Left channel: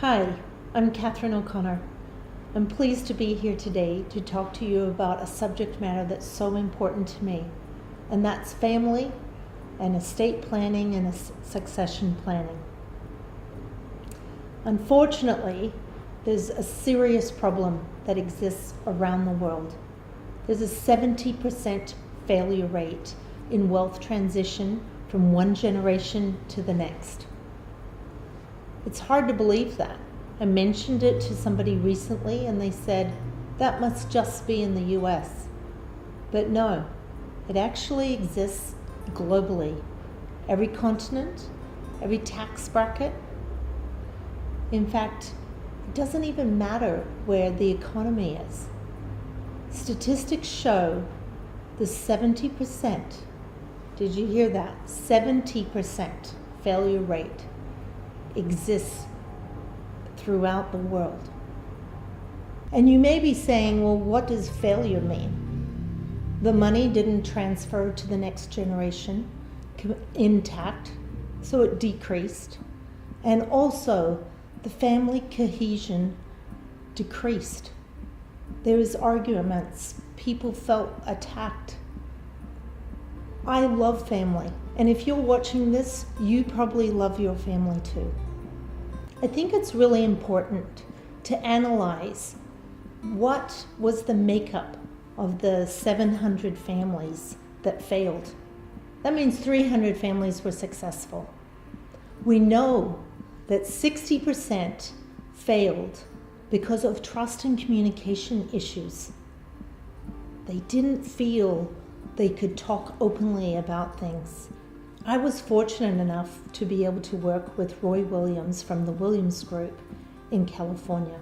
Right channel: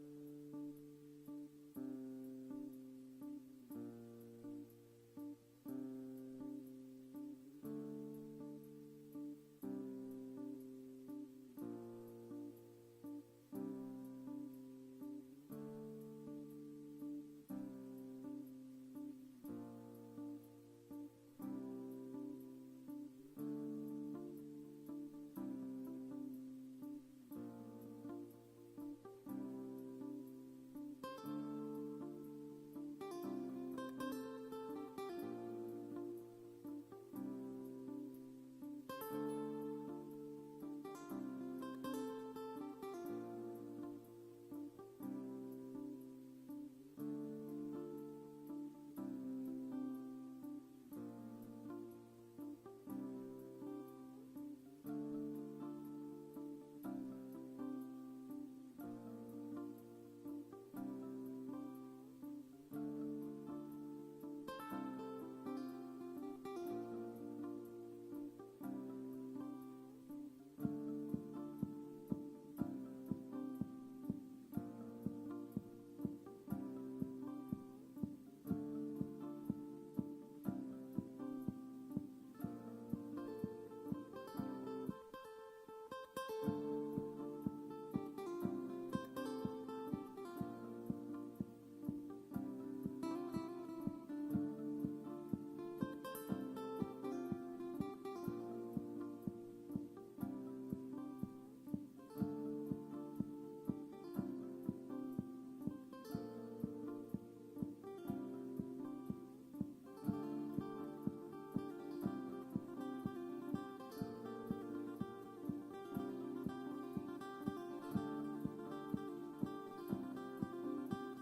Hi, I'm Catherine O'Connor. I'm pleased to be here today to talk to you about a subject matter that's so important to me, and that's family and estate planning and succession planning. Unfortunately, there's a serious problem that exists around the world. There's a 70% failure rate in wealth transition from one generation to the next. It's hard to believe that. I mentioned it to somebody recently and they said, that must just be in the US. But no, it actually exists globally. Every continent, every tax bracket. In fact, it doesn't even matter where the economy is. Statistics show the 70%, did you hear that? 70% failure rate exists throughout the world. And you may be saying, well, what does failure mean? The money didn't transfer to the next generation intact, so it decreased. And also, the family cohesion decreased. There was arguments, people felt attacked. I love family, and if you're watching this, you probably love your family too. I think it's really important to analyze what was the makeup of the 700 families that failed. That means 300 families were successful. We know that 60% failed because of trust and communication issues. They didn't feel they could talk openly about things. I was fortunate enough to be able to work with Roy Williams from the Williams Group in California.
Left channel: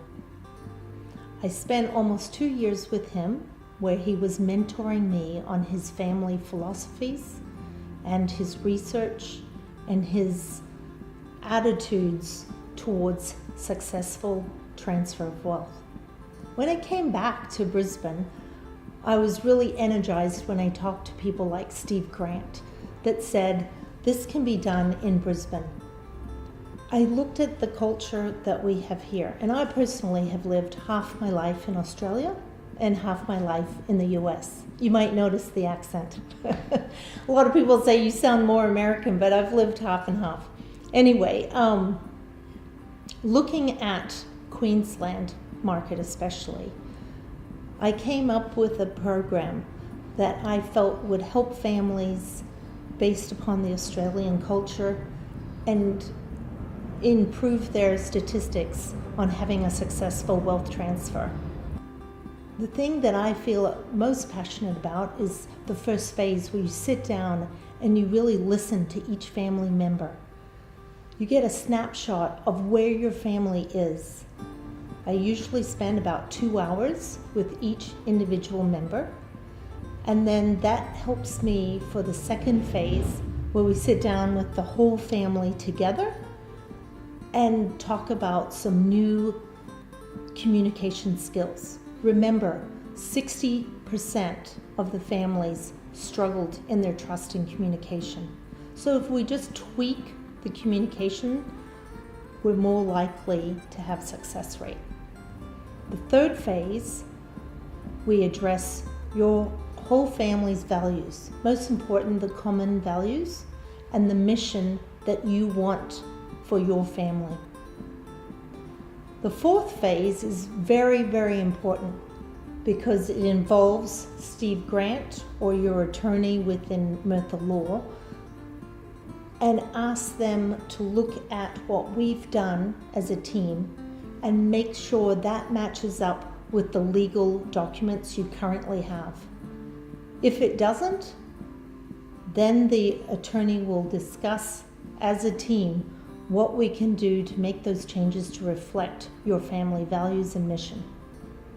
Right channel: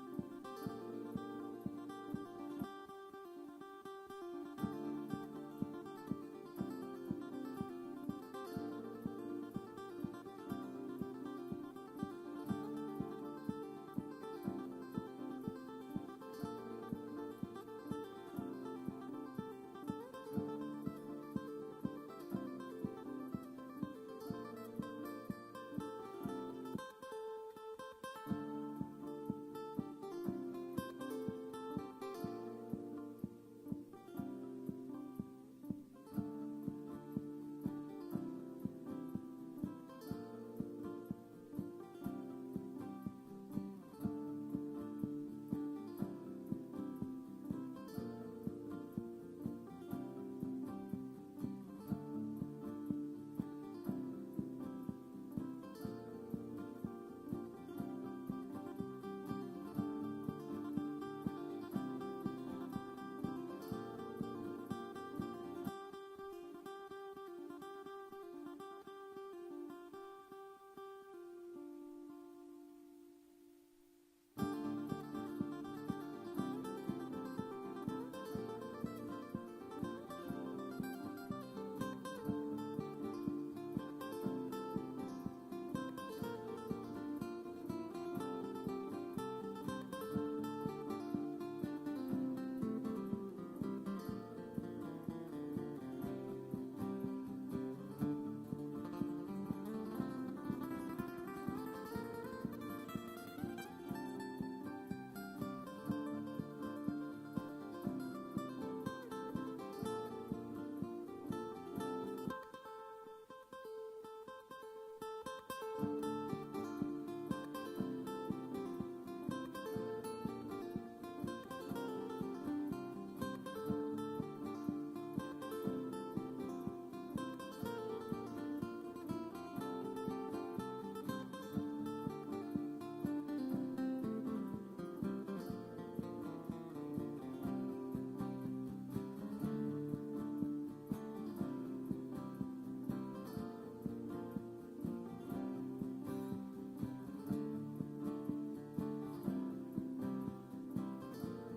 I spent almost 2 years with him where he was mentoring me on his family philosophies and his research and his attitudes towards successful transfer of wealth. When I came back to Brisbane, I was really energized when I talked to people like Steve Grant that said, this can be done in Brisbane. I looked at the culture that we have here, and I personally have lived half my life in Australia and half my life in the US. You might notice the accent. A lot of people say you sound more American, but I've lived half and half. Anyway, looking at Queensland market especially, I came up with a program that I felt would help families based upon the Australian culture and improve their statistics on having a successful wealth transfer. The thing that I feel most passionate about is the first phase where you sit down and you really listen to each family member. You get a snapshot of where your family is. I usually spend about 2 hours with each individual member, and then that helps me for the second phase where we sit down with the whole family together and talk about some new communication skills. Remember, 60% of the families struggled in their trust and communication. So if we just tweak the communication, we're more likely to have success rate. The third phase, we address your whole family's values. Most important, the common values and the mission that you want for your family. The fourth phase is very, very important because it involves Steve Grant or your attorney within Murtha Law and ask them to look at what we've done as a team and make sure that matches up with the legal documents you currently have. If it doesn't, then the attorney will discuss as a team what we can do to make those changes to reflect your family values and mission.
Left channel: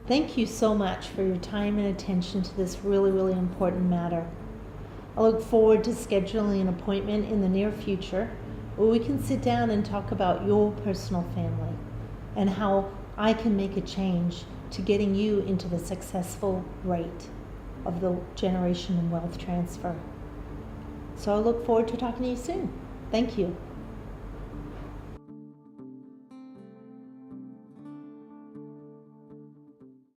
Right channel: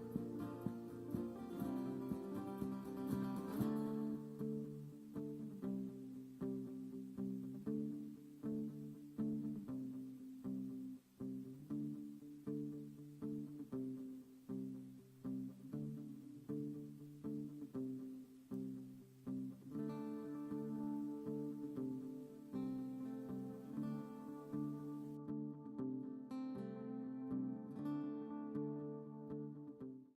Thank you so much for your time and attention to this really, really important matter. I look forward to scheduling an appointment in the near future where we can sit down and talk about your personal family and how I can make a change to getting you into the successful rate of the generation and wealth transfer. So I look forward to talking to you soon. Thank you.